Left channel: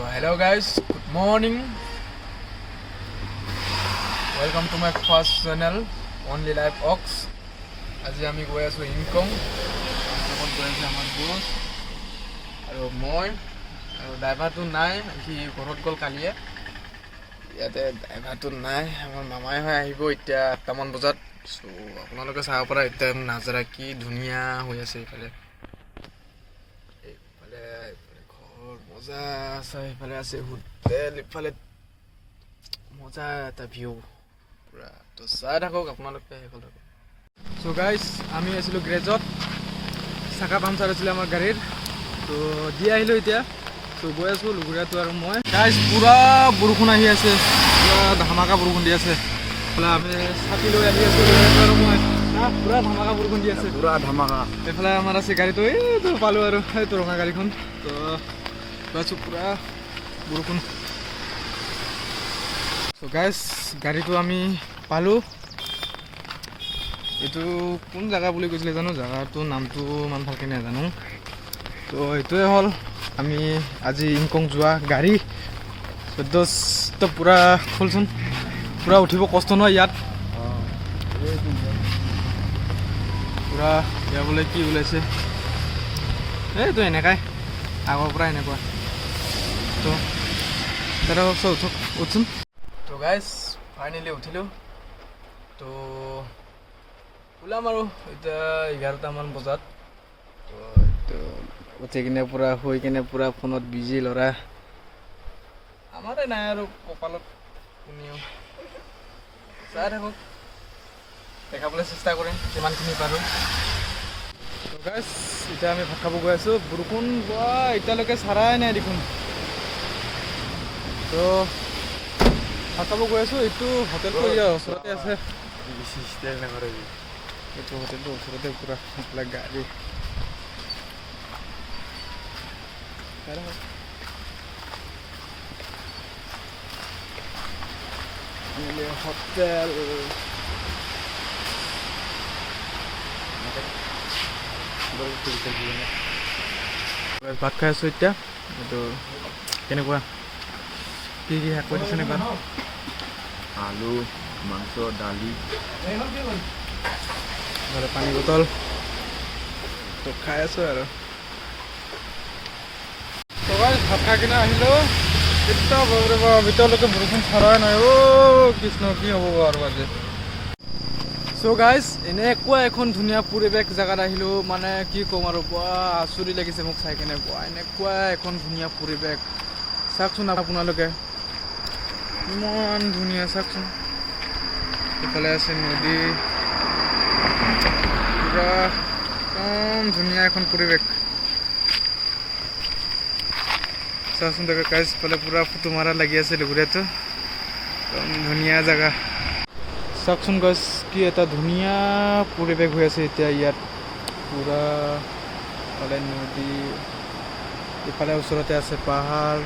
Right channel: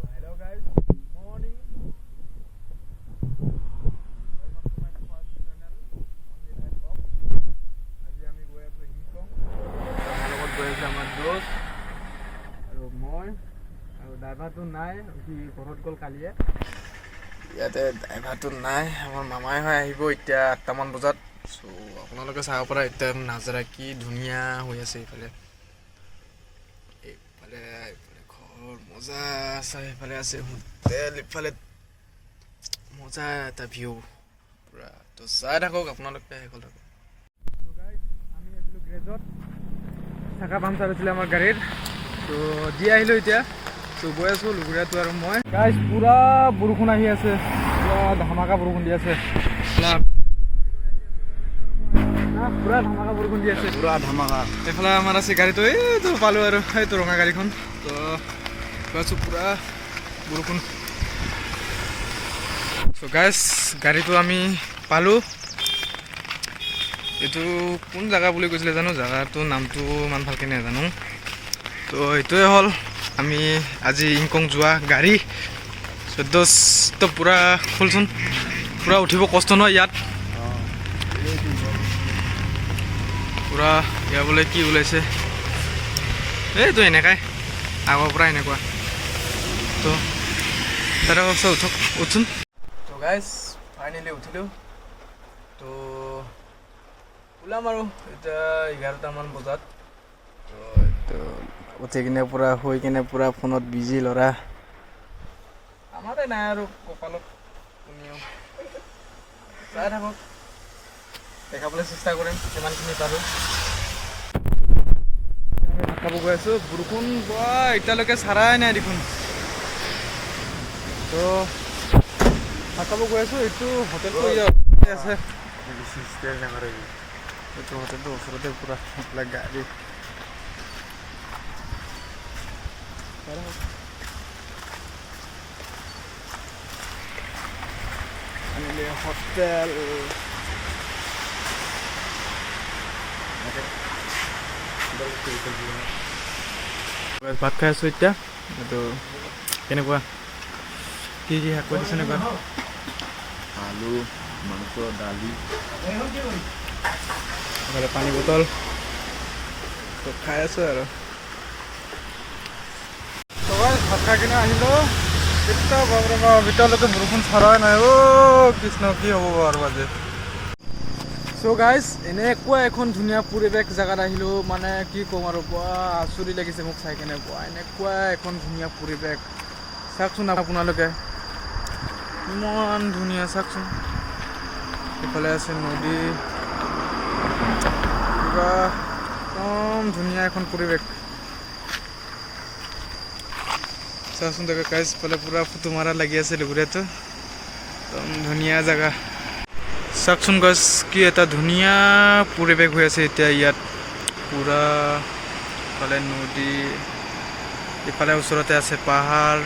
Hello guys, good morning. Welcome to my first channel, Only Life Ox. আজি আমি গৈ আছোঁ ইনকম, আমাৰ লগত গৈ আছে আমাৰ দোষ আৰু মই আৰু ড্ৰাইভাৰটো নাই, সি ঘৰত গ'ল কালিয়ে। ইয়াতে ড্ৰাইভাৰটো নাই, আমাৰ মামাই হৈ আহিব এতিয়া 8টামান বজাত। চ' আপোনালোকে চাব পৰা এতিয়া নাজাৰা কি ধুনীয়া হৈ আছে এইফালে। মজা আছে, এইফালে আছে হোটেল, ইফালে মজা এটা ভিউ পুৰা। তো চাই থাকক আপোনালোকে শেষলৈকে। চ' গাইজ আমি আছিলোঁ গ্ৰেজত, চাকা পামচাৰ আছিলে আমাৰ গাড়ীৰ, তো দি আহিলোঁ এতিয়া। চ' গৈ আছোঁ লুগুৰীয়াটো আৰু মই। গাইজ পুৰা বৰষুণ আহি আছে, পুৰা ধামাকা বৰষুণ দি আছে। আমি ছাতি লৈ আহি আছোঁ আৰু মই পুৰা ধামাকা বৰষুণ দি আছে, পুৰা ধামাকা। এইফালে আমাৰ আছে গাড়ীটো, এইটো পালোঁ আৰু এইটো ৰঙা গাড়ীখন। তো গৈছোঁ পুৰা বৰষুণ। চ' গাইজ গাড়ীটো আমি পালোঁ। এইটো কোন জেগা বুলি কৈছিলে জানো, জেগাটোৰ নামটো ইমান ভালকৈ নাজানো। তো এইটোৱে হ'ল আমি আজি ইনকম যোৱা গাড়ী। তো পুৰা ফুলচোন, পুৰা উঠিব কষ্ট নহয় ইয়াত। পুৰা ইয়াৰ বোলে কি ওলাইছে, এইটো এনেকাই আগৰ পৰা এনেকুৱা। তো তাতে উঠক উঠোন। তো গাইজ ফাইনেলি উঠিলোঁ। তো ওলাম আৰু এতিয়া 11টামান বজাত। তো এইটো উঠি কিনে পূৰা শুই কিনে পূৰা ফোনত বিজি ল'ৰা। আমাৰে নাই আৰু কপালত কোনেও। চাই থাকক, দেখাবলৈ চেষ্টা কৰিম যিমানখিনি পাৰোঁ। গাইজ এতিয়া আমি ভাত খাব গৈ আছোঁ। বৰষুণ এতিয়ালৈকে চাৰাই নাই দেখোন। তো ভাত খাব গৈ আছোঁ। এইটো হোটেলটো ওচৰতে আছে, এইটো হোটেলটো ওচৰতে পুৰা গাড়ী। হোটেল ভাত খাই আছোঁ এতিয়া। এইটো কেনেকুৱা, কি কি শাক দিছে এনেকুৱা? আলু, মাংস, দালি, পানী বটল। তো খাই আছোঁ আৰু ভাত খাই কিনে আহিলোঁ। এতিয়া বাপৰে বাপ, এতিয়ালৈকে বৰষুণ চৰাই নাই। অ' কৃষ্ণ, কি হ'ব আৰু আজি। চ' গাইজ এনেকুৱা এখন ধুনীয়া পৰিৱেশ জেগাত আহিলোঁ, মানে কি ক'ম আৰু, পুৰা আচৰিত লাগিছে মোক চাই কিনে। পুৰা এনেকুৱা এখন ধুনীয়া পৰিৱেশ চাওকচোন আপোনালোকে, ইমান ধুনীয়া চাওকচোন। ইফালে আছে নদী, পুৰা একদম ধুনীয়া এখন পৰিৱেশ। চাওকচোন তাকে গাইজ, ইফালে পুৰা ফটো মাৰা লাগি আছে লুগুৰীয়াটো, একদম ধুনীয়া জেগা। চাওকচোন গাইজ, কি এটা ধুনীয়া পৰিৱেশ হৈ আছে এতিয়া ইয়াত। পুৰা ইফালে নদী, ইফালে ওচৰতে আছে পাহাৰ,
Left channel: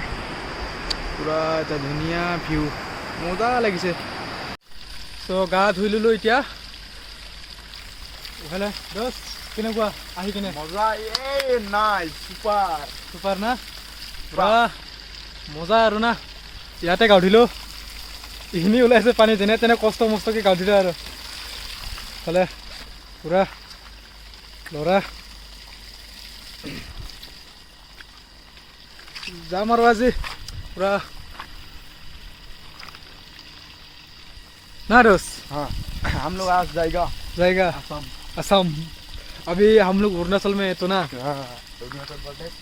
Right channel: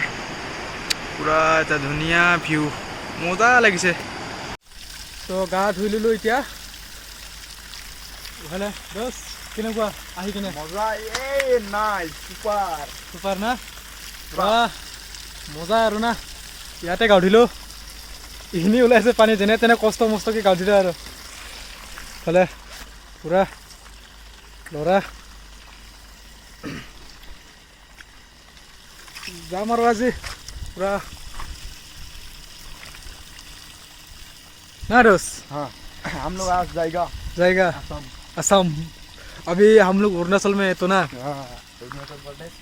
পুৰা এটা ধুনীয়া ভিউ, মজা লাগিছে। চ' গা ধুই ল'লোঁ এতিয়া। ইফালে দোষ কেনেকুৱা আহি কিনে? মজা। নাই চুপাৰ চুপাৰ না, পুৰা মজা আৰু না। ইয়াতে গা ধুলোঁ, এইখিনি ওলাইছে পানী, যেনে তেনে কষ্ট মষ্টকৈ গা ধুলোঁ আৰু। ইফালে পুৰা ল'ৰা যাম আৰু আজি পুৰা ना दोस्त। हाँ, हम लोग आज जाएगा जाएगा असम। असम। अभी हम लोग अरुणाचल में है तो ना। अरुणाचल प्रदेश।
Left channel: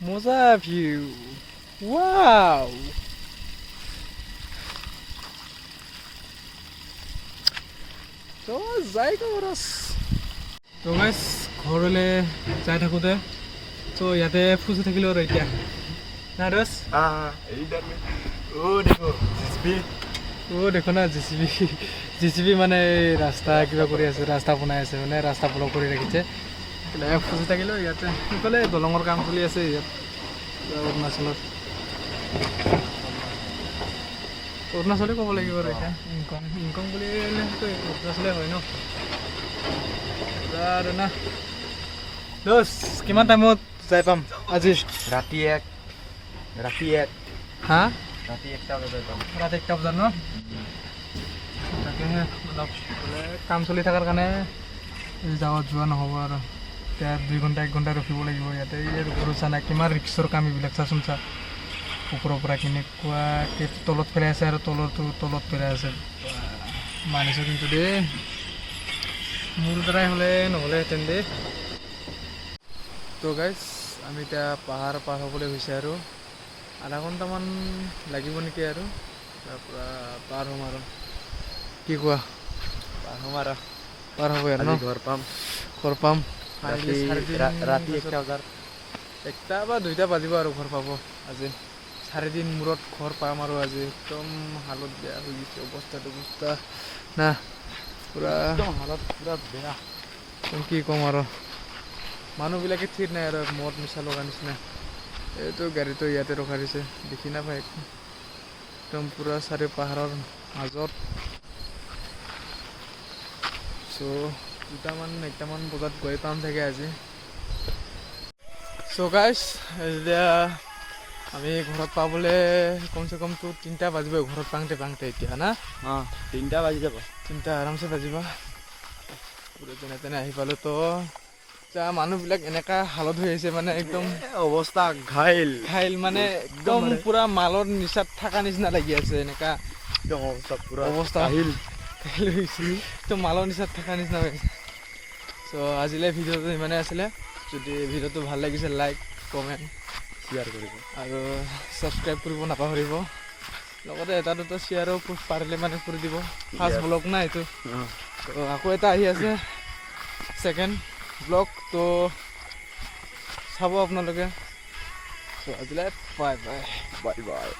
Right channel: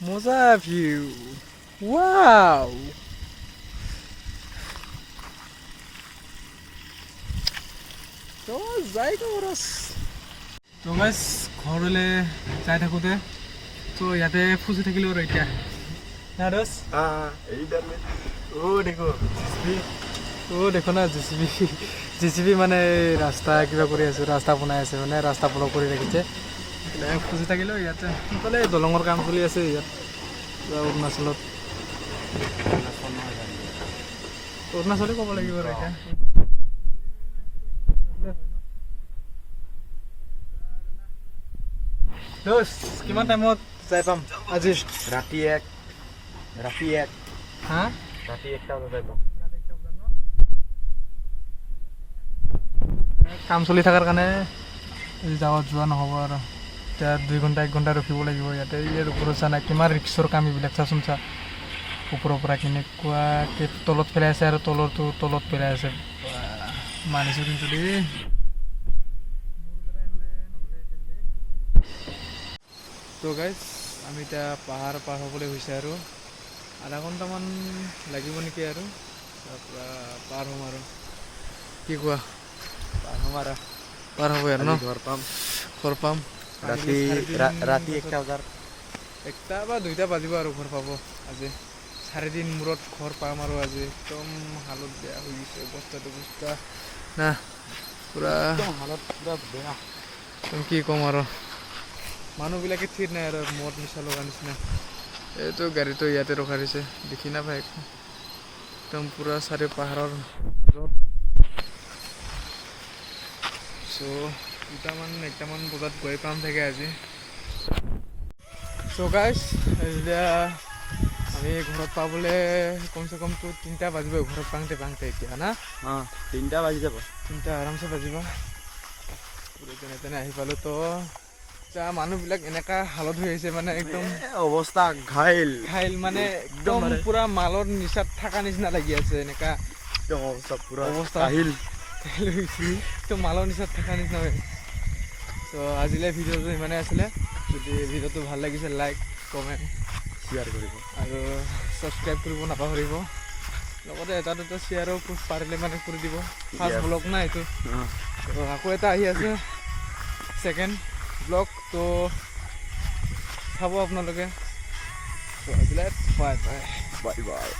मजा व्यू, वाव। तो जाएगा बरस। तो गाइस घरলৈ যাই থাকোঁতে তো ইয়াতে ফুচি থাকিলোঁ আৰু এতিয়া না दोस्त। हाँ, इधर में वो देखो দেখো না জেচিবি মানে ৰাস্তা কিবা কৰি আছে, ৰাস্তা বনাই আছে, মানে ৰাস্তা ব্লক কৰি ৰাখিছে। আমি ফুচি থাকিলোঁ ইয়াতে। সেইফালে দলঙৰ কাম চলি আছে ইয়াত অৰুণাচলত। অৰুণাচলে ক'ব লাগিব আৰু এতিয়া। ইনকম বুলিলেতো অৰুণাচলে হয় ন। আৰু না দোষ কিমান টাইমত যাই পাম আজি ৰাতি এক হা ৰাতি 1টা বজাত যাই পাম ৰাতি 1টা বজাত ন তাকেহে অলপ কাম চলি থকাৰ কাৰণে যাৱাত যোৱা নহ'ব আৰু এতিয়া 2 ঘণ্টা 1 ঘণ্টা ৰখিব লাগিব ইয়াতে ইয়াৰ ওপৰত চা নাই কিমান ৰিক্সৰ কাম এইবিলাক চাচোন চা ওপৰৰ পৰা কেনেকুৱাকৈ তলত পেলাই আছে আৰু তলত পেলাই আছে মানিছোঁ কিন্তু দেই মোৰ দ্বাৰাই হ'লে নহ'লেহেঁতেন দেই তো গাইজ আমি এতিয়া পাহাৰ পাৰ হ'বলৈ হৈছে আৰু আধা ঘণ্টামান লাগিব নেকি আৰু তাৰপৰা পাৰ হ'ম আৰু কি কোৱা পাৰ হ'ম আৰু পাৰ হ'ব আৰু ন ঘৰ পাম ৰাতি 1টা বজাত 1টা বা 2টা বাজিব আৰু ঘৰ পাব আজি 4 দিন মূৰত ঘৰ পাম আৰু আজি একদম হালত বেয়া হৈ গৈছে অৱস্থা না পুৰা একদম হালত পুৰা বেয়া কি ক'ম আৰু মানুহবিলাকে ঠিক নাই আৰু মদ নিচা লগা নিচিনা এইটো গাড়ীটো ইয়াতে ৰখাই দিছে দেখি নাপায় একো একদম পুৰা চাৰি পাহাৰৰ মাজত চ' 1টামান বজাত গৈ পাম চাগে আজি চ' গাইজ এতিয়া আমি ঘৰত পাবলৈ কমচে কমটো 3টা বাজিব ঘৰত পাওঁতে এতিয়া না 3টা বাজি যাব 3টা আৰামছে বাজিব যেনে তেনে আহি পালোঁ তো এতিয়া মানুহবিলাক এনেকুৱা হালত হৈ আছে মানে একদম অৱস্থা ঘাইল মানে একদম পুৰা মালৰ নিচাত থকা নিচিনা লাগি আছে এনেকুৱা একদম অৱস্থা পুৰা অৱস্থা ঘাইল তো মালৰ নিচাত থকা নিচিনা হৈ আছে চ' আজিলৈ ভিডিঅ'টো ইমানেই আছিলে যদি ভিডিঅ'টো ভাল লাগিছে লাইক কমেণ্ট শ্বেয়াৰ কৰিব আৰু ছাবস্ক্ৰাইব কৰিব নাপাহৰিব লগতে এটা দুটা শ্বেয়াৰো পাৰিলে মানে কৰি দিব ফাৰ্ষ্ট ব্লগ না এইটো তো আকৌ এটা আহি আছে ছেকেণ্ড ব্লগ তো চাব আপোনালোকে চ' আজিলৈ বাই বাই